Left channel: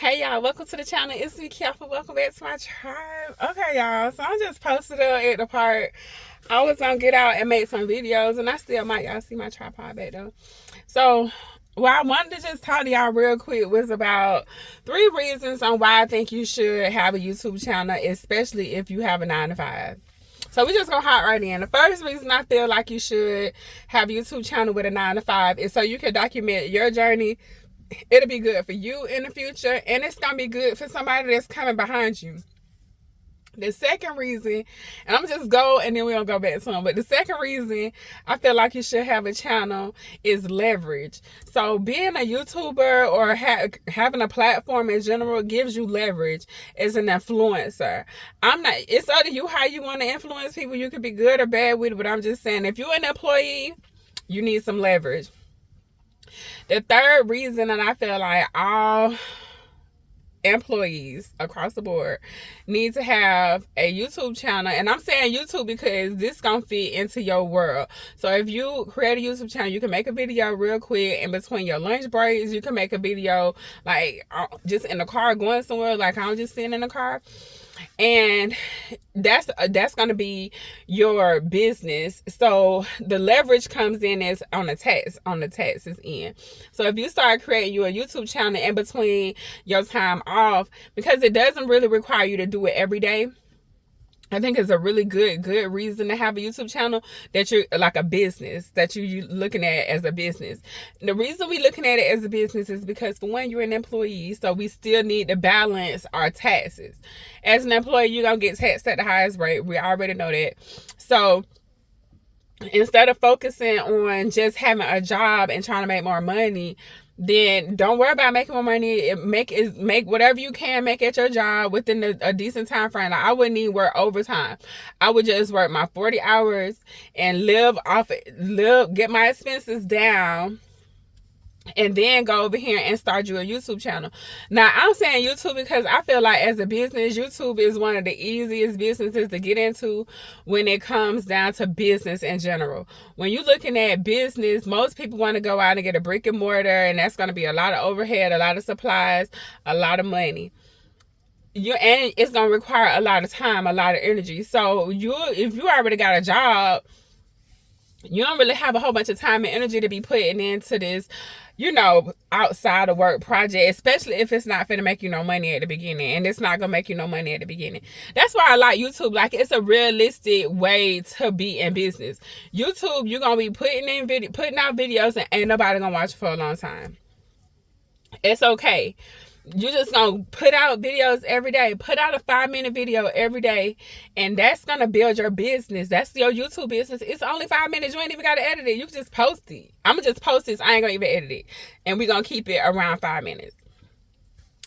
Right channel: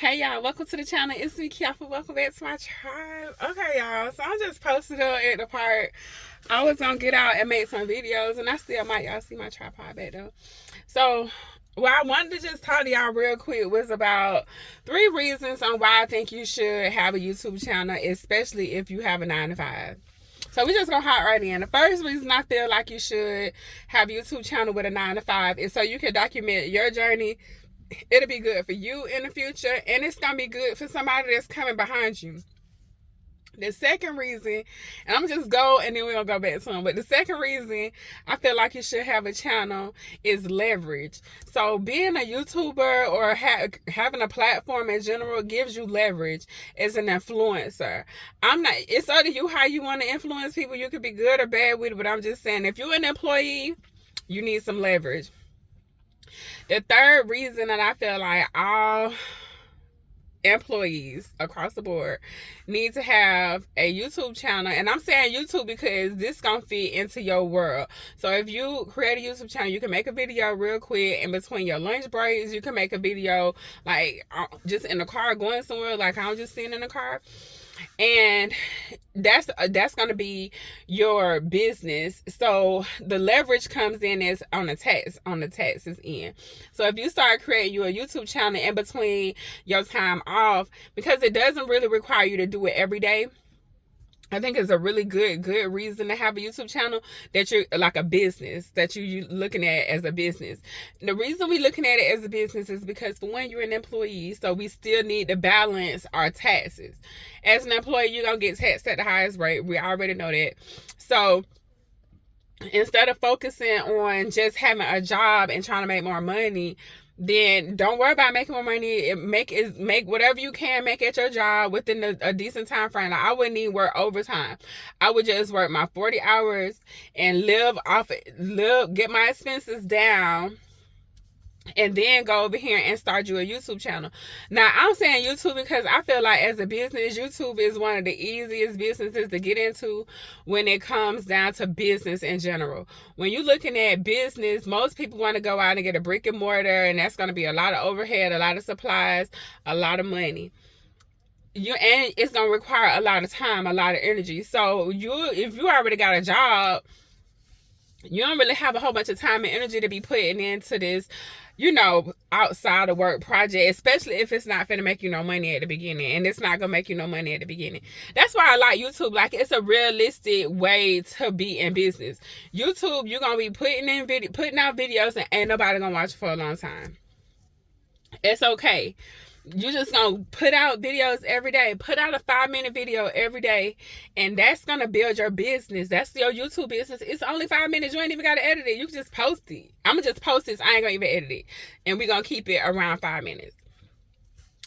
Hey y'all, welcome to the channel. It's me, Kiafa. Welcome back to my tribe. Okay, y'all. So I just posted up at the part. I was gonna get out and make some videos, and I still might. Y'all see my tripod back though. So what I wanted to just talk to y'all real quick was about 3 reasons on why I think you should have a YouTube channel, especially if you have a 9 to 5. So we just gonna hop right in. The first reason I feel like you should have a YouTube channel with a 9 to 5 is so you can document your journey. It'll be good for you in the future, and it's gonna be good for somebody that's coming behind you. The second reason, and I'm just go and then we're gonna go back to them, but the second reason I feel like you should have a channel is leverage. So being a YouTuber or having a platform in general gives you leverage as an influencer. It's up to you how you want to influence people. You could be good or bad with it, but I'm just saying, if you're an employee, you need some leverage. The third reason that I feel like all employees across the board need to have a YouTube channel, and I'm saying YouTube because this gonna fit into your world. So if you create a YouTube channel, you can make a video real quick in between your lunch breaks. You can make a video like just in the car going somewhere, like I'm just sitting in the car, and that's going to be your business. So the leverage comes in as on the taxes end. So if you start creating you a YouTube channel in between your time off, because it doesn't really require you to do it every day, I think it's a really good reason to have a YouTube channel, that you're like a business, that you looking at as a business. The reason we looking at it as a business is because, for one, you're an employee, so we still need to balance our taxes. As an employee, you're going to get taxed at the highest rate. We already know that. So instead of focusing on just having a job and trying to make more money, then don't worry about making more money. Make whatever you can make at your job within a decent time frame. Like, I wouldn't even work overtime. I would just work my 40 hours and get my expenses down, and then go over here and start you a YouTube channel. Now, I'm saying YouTube because I feel like as a business, YouTube is one of the easiest businesses to get into when it comes down to business in general. When you're looking at business, most people want to go out and get a brick and mortar, and that's going to be a lot of overhead, a lot of supplies, a lot of money. And it's going to require a lot of time, a lot of energy. So if you already got a job, you don't really have a whole bunch of time and energy to be putting into this, outside of work project, especially if it's not finna make you no money at the beginning, and it's not gonna make you no money at the beginning. That's why I like YouTube. Like, it's a realistic way to be in business. YouTube, you're gonna be putting out videos, and ain't nobody gonna watch it for a long time. It's okay. You're just gonna put out videos every day. Put out a 5-minute video every day, and that's gonna build your business. That's your YouTube business. It's only 5 minutes. You ain't even gotta edit it. You can just post it. I'm gonna just post this. I ain't gonna even edit it, and we're gonna keep it around 5 minutes.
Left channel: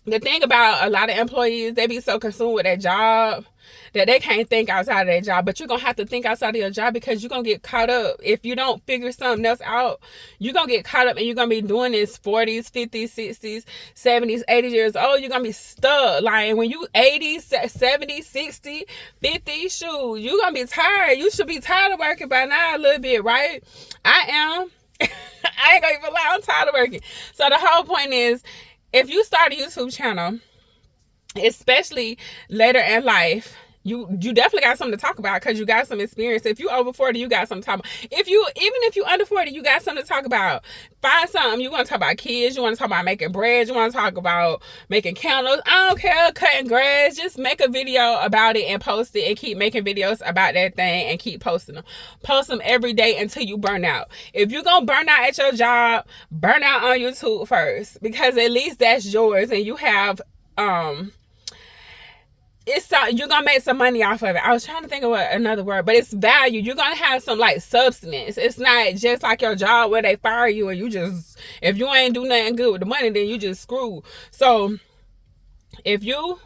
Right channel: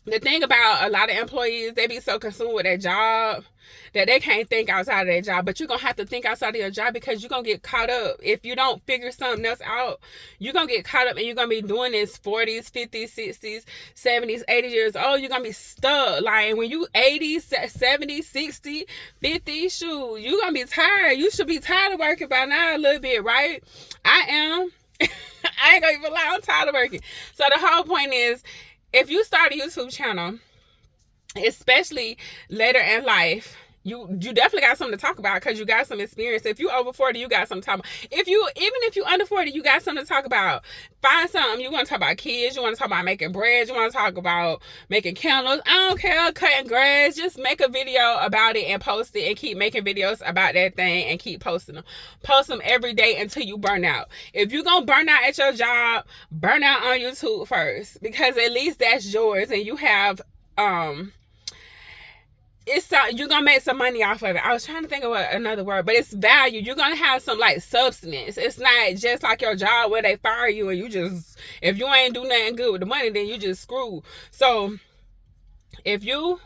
The thing about a lot of employees, they be so consumed with their job that they can't think outside of their job. But you're going to have to think outside of your job, because you're going to get caught up. If you don't figure something else out, you're going to get caught up, and you're going to be doing this 40s, 50s, 60s, 70s, 80s years old. You're going to be stuck. Like, when you 80, 70, 60, 50, shoot, you're going to be tired. You should be tired of working by now a little bit, right? I am. I ain't going to even lie. I'm tired of working. So the whole point is, if you start a YouTube channel, especially later in life, you definitely got something to talk about, because you got some experience. If you over 40, you got something to talk about. Even if you under 40, you got something to talk about. Find something. You want to talk about kids, you want to talk about making bread, you want to talk about making candles. I don't care, cutting grass. Just make a video about it and post it, and keep making videos about that thing and keep posting them. Post them every day until you burn out. If you're gonna burn out at your job, burn out on YouTube first, because at least that's yours, and you have you're gonna make some money off of it. I was trying to think of another word, but it's value. You're gonna have some like substance. It's not just like your job where they fire you and you just, if you ain't do nothing good with the money, then you just screwed. So if you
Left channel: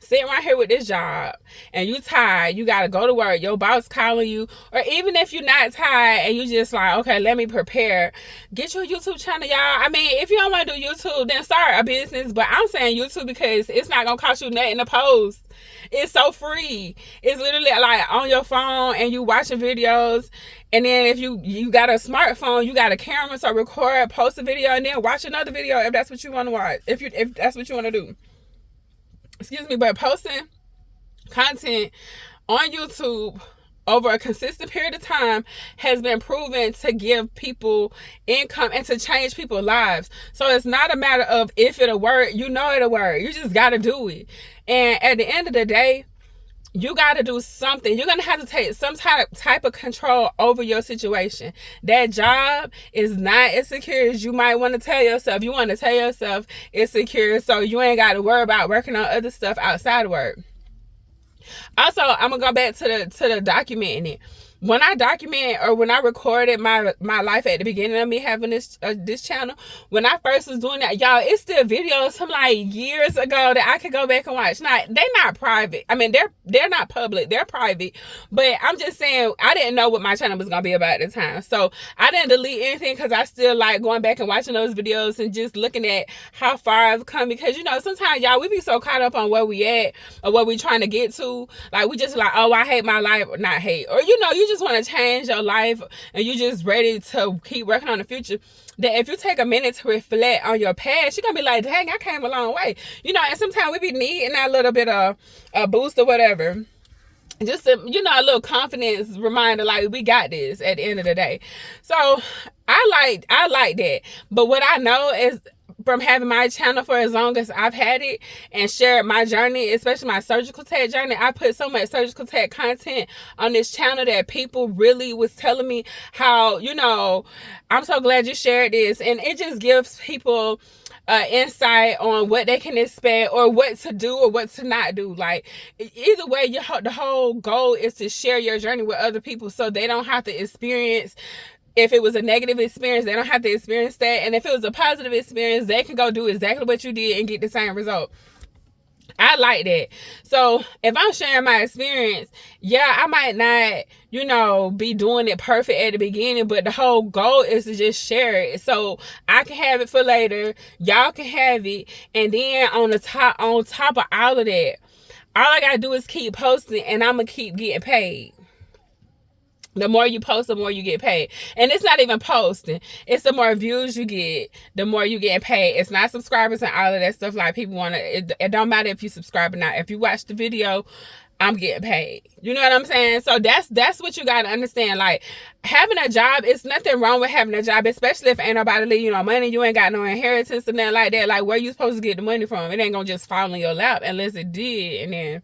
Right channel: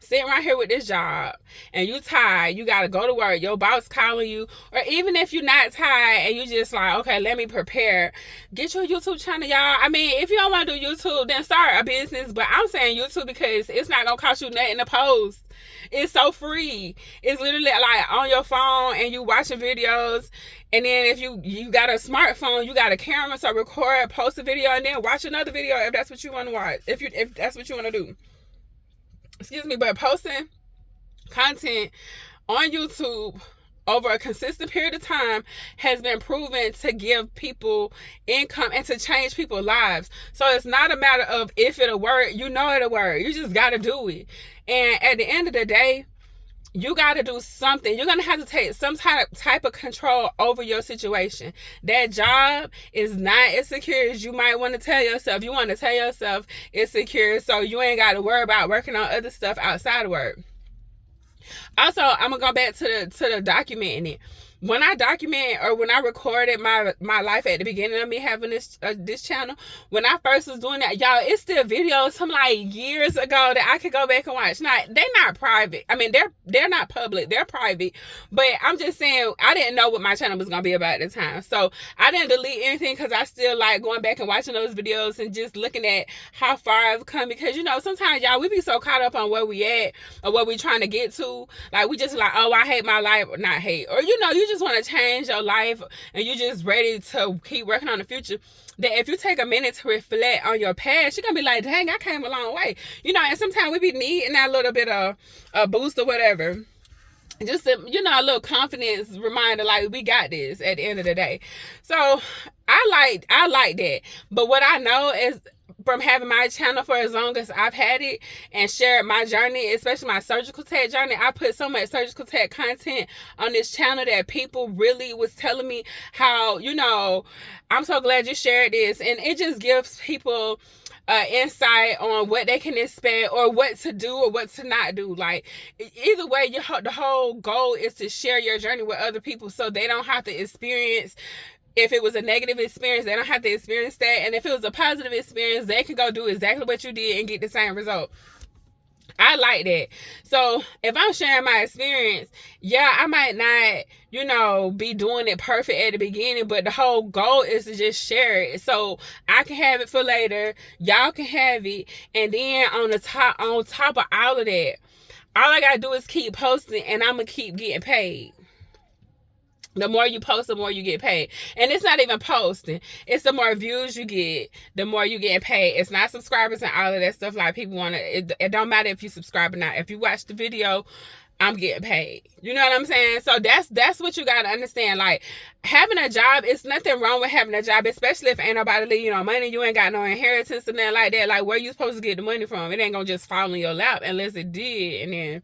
sitting right here with this job and you tired, you gotta go to work, your boss calling you, or even if you're not tired and you just like, okay, let me prepare, get your YouTube channel, y'all. I mean, if you don't want to do YouTube, then start a business, but I'm saying YouTube because it's not gonna cost you nothing to post. It's so free. It's literally like on your phone and you watching videos. And then if you got a smartphone, you got a camera, so record, post a video, and then watch another video if that's what you want to watch. If that's what you want to do. Excuse me, but posting content on YouTube over a consistent period of time has been proven to give people income and to change people's lives. So it's not a matter of if it'll work. You know it'll work. You just got to do it. And at the end of the day, you got to do something. You're going to have to take some type of control over your situation. That job is not as secure as you might want to tell yourself. You want to tell yourself it's secure so you ain't got to worry about working on other stuff outside of work. Also, I'm going to go back to the documenting it. When I document or when I recorded my life at the beginning of me having this channel, when I first was doing that, y'all, it's still videos from like years ago that I could go back and watch. Now, they're not private. I mean, they're not public. They're private. But I'm just saying, I didn't know what my channel was going to be about at the time. So I didn't delete anything because I still like going back and watching those videos and just looking at how far I've come. Because, you know, sometimes, y'all, we be so caught up on where we at or what we trying to get to. Like, we just like, oh, I hate my life. Or not hate. Or, you know, you just want to change your life and you just ready to keep working on the future, that if you take a minute to reflect on your past, you're gonna be like, dang, I came a long way, you know. And sometimes we be needing that little bit of a boost or whatever, just a, you know, a little confidence reminder, like we got this at the end of the day. So I like that. But what I know is, from having my channel for as long as I've had it and shared my journey, especially my surgical tech journey, I put so much surgical tech content on this channel that people really was telling me how, you know, I'm so glad you shared this. And it just gives people insight on what they can expect or what to do or what to not do. Like, either way, the whole goal is to share your journey with other people so they don't have to experience. If it was a negative experience, they don't have to experience that. And if it was a positive experience, they can go do exactly what you did and get the same result. I like that. So if I'm sharing my experience, yeah, I might not, you know, be doing it perfect at the beginning, but the whole goal is to just share it so I can have it for later. Y'all can have it. And then on top of all of that, all I gotta do is keep posting and I'm gonna keep getting paid. The more you post, the more you get paid. And it's not even posting. It's the more views you get, the more you get paid. It's not subscribers and all of that stuff. Like, people want to, it don't matter if you subscribe or not. If you watch the video, I'm getting paid. You know what I'm saying? So that's what you got to understand. Like, having a job, it's nothing wrong with having a job, especially if ain't nobody leave you no money. You ain't got no inheritance or nothing like that. Like, where you supposed to get the money from? It ain't going to just fall in your lap unless it did. And then,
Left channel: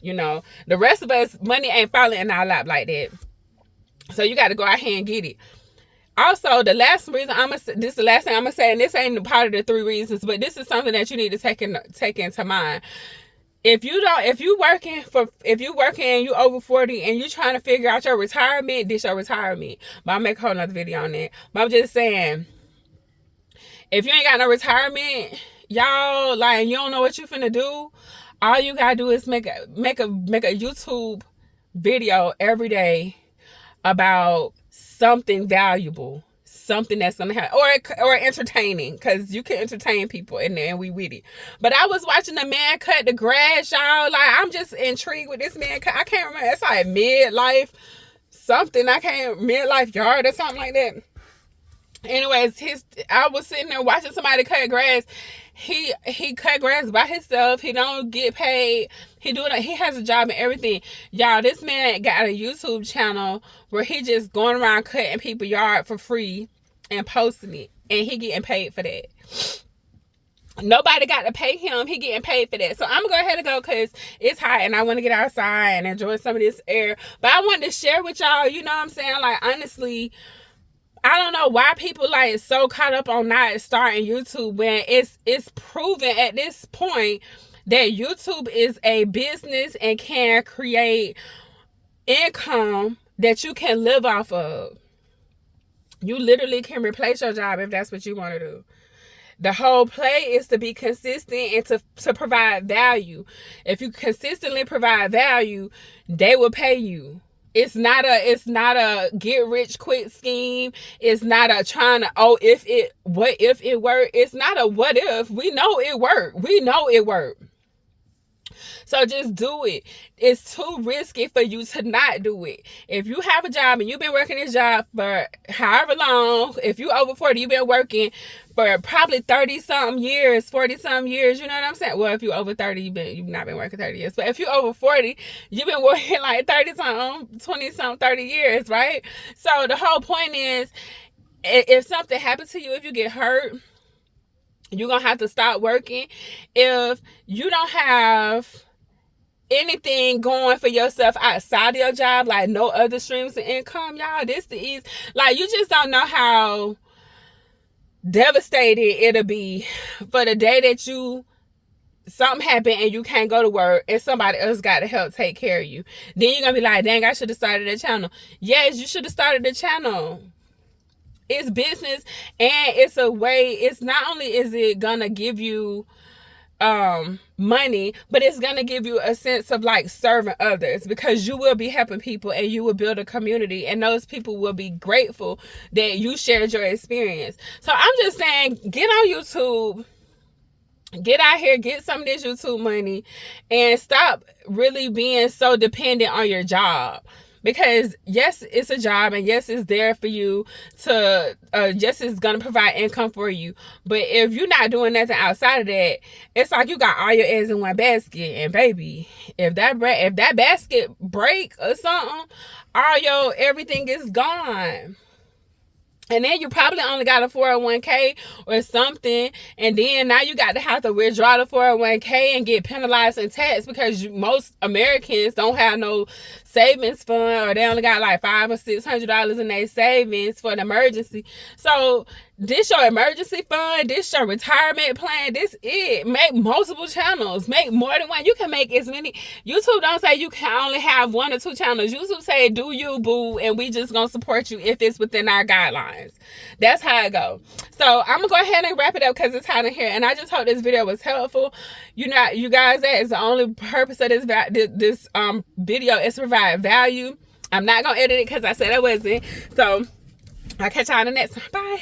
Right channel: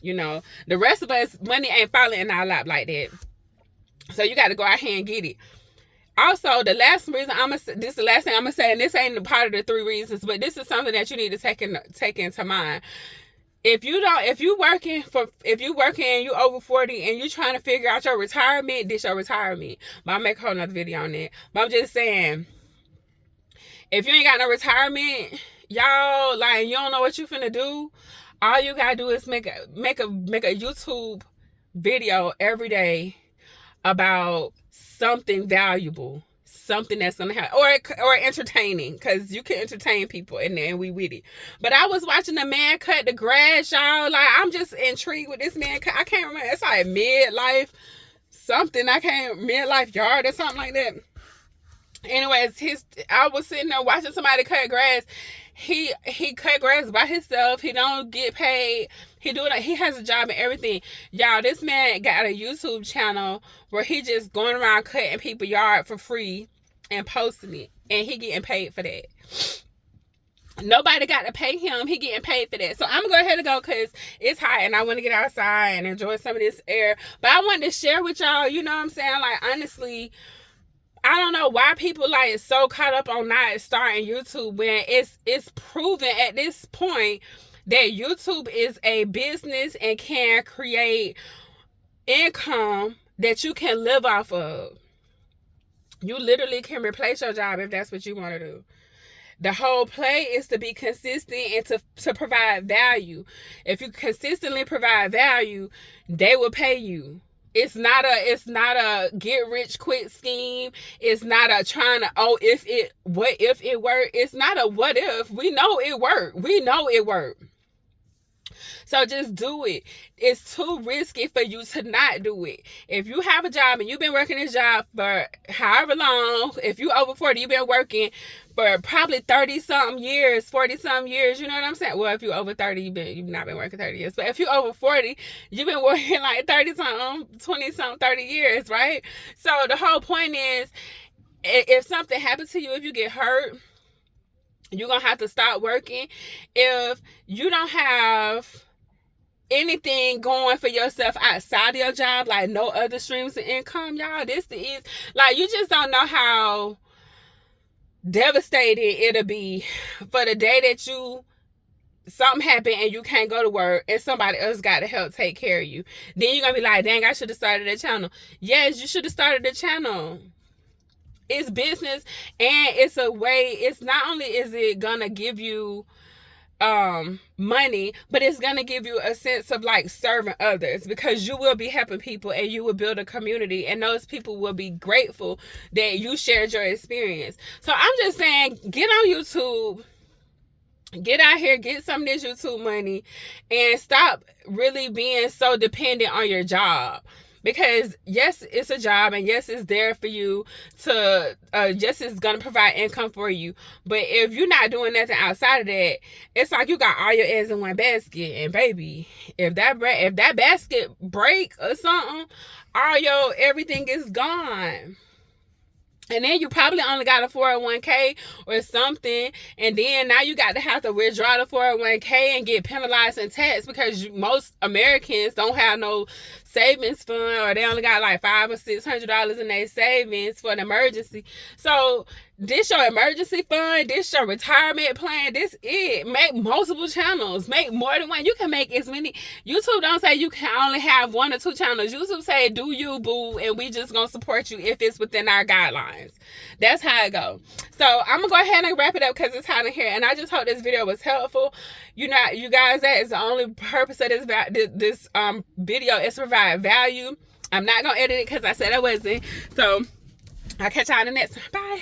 you know, the rest of us, money ain't falling in our lap like that. So you got to go out here and get it. Also, the last reason this is the last thing I'm gonna say, and this ain't part of the 3 reasons, but this is something that you need to take into mind. If you working and you over 40 and you trying to figure out your retirement, this your retirement. But I'll make a whole nother video on that. But I'm just saying, if you ain't got no retirement, y'all, like, you don't know what you finna do, all you gotta do is make a YouTube video every day about something valuable, something that's gonna happen, or entertaining, because you can entertain people and we with it. But I was watching a man cut the grass, y'all. Like, I'm just intrigued with this man. I can't remember. It's like midlife yard or something like that. Anyways, I was sitting there watching somebody cut grass. He cut grass by himself. He don't get paid. He has a job and everything. Y'all, this man got a YouTube channel where he just going around cutting people's yard for free and posting it. And he getting paid for that. Nobody got to pay him. He getting paid for that. So I'm going to go ahead and go because it's hot and I want to get outside and enjoy some of this air. But I wanted to share with y'all, you know what I'm saying? Like, honestly, I don't know why people like so caught up on not starting YouTube when it's proven at this point that YouTube is a business and can create income that you can live off of. You literally can replace your job if that's what you want to do. The whole play is to be consistent and to provide value. If you consistently provide value, they will pay you. It's not a get rich quick scheme. It's not a trying to, what if it worked? It's not a what if. We know it worked. We know it worked. So just do it. It's too risky for you to not do it. If you have a job and you've been working this job for however long, if you over 40, you've been working for probably 30 something years, 40 something years, you know what I'm saying? Well, if you're over 30, you've not been working 30 years. But if you're over 40, you've been working like 30 something, 20 something, 30 years, right? So the whole point is, if something happens to you, if you get hurt, you're going to have to stop working. If you don't have anything going for yourself outside of your job, like no other streams of income, y'all, this is like, you just don't know how devastated it'll be for the day that something happened and you can't go to work and somebody else got to help take care of you. Then you're gonna be like, dang, I should have started a channel. Yes, you should have started a channel. It's business, and it's a way. It's not only is it gonna give you money, but it's gonna give you a sense of like serving others, because you will be helping people and you will build a community, and those people will be grateful that you shared your experience. So I'm just saying, get on YouTube, get out here, get some of this YouTube money, and stop really being so dependent on your job. Because yes, it's a job, and yes, it's there for you to, yes, it's going to provide income for you. But if you're not doing nothing outside of that, it's like you got all your eggs in one basket. And baby, if that basket break or something, everything is gone. And then you probably only got a 401k or something. And then now you got to have to withdraw the 401k and get penalized and taxed, because most Americans don't have no savings fund, or they only got like $500 or $600 in their savings for an emergency. So this your emergency fund, this your retirement plan, this it. Make multiple channels, make more than one. You can make as many. YouTube don't say you can only have 1 or 2 channels. YouTube say do you, boo, and we just gonna support you if it's within our guidelines. That's how it go. So I'm gonna go ahead and wrap it up because it's hot in here, and I just hope this video was helpful. You guys, that is the only purpose of this video, is to provide value. I'm not gonna edit it because I said I wasn't. So I'll catch y'all in the next one. Bye.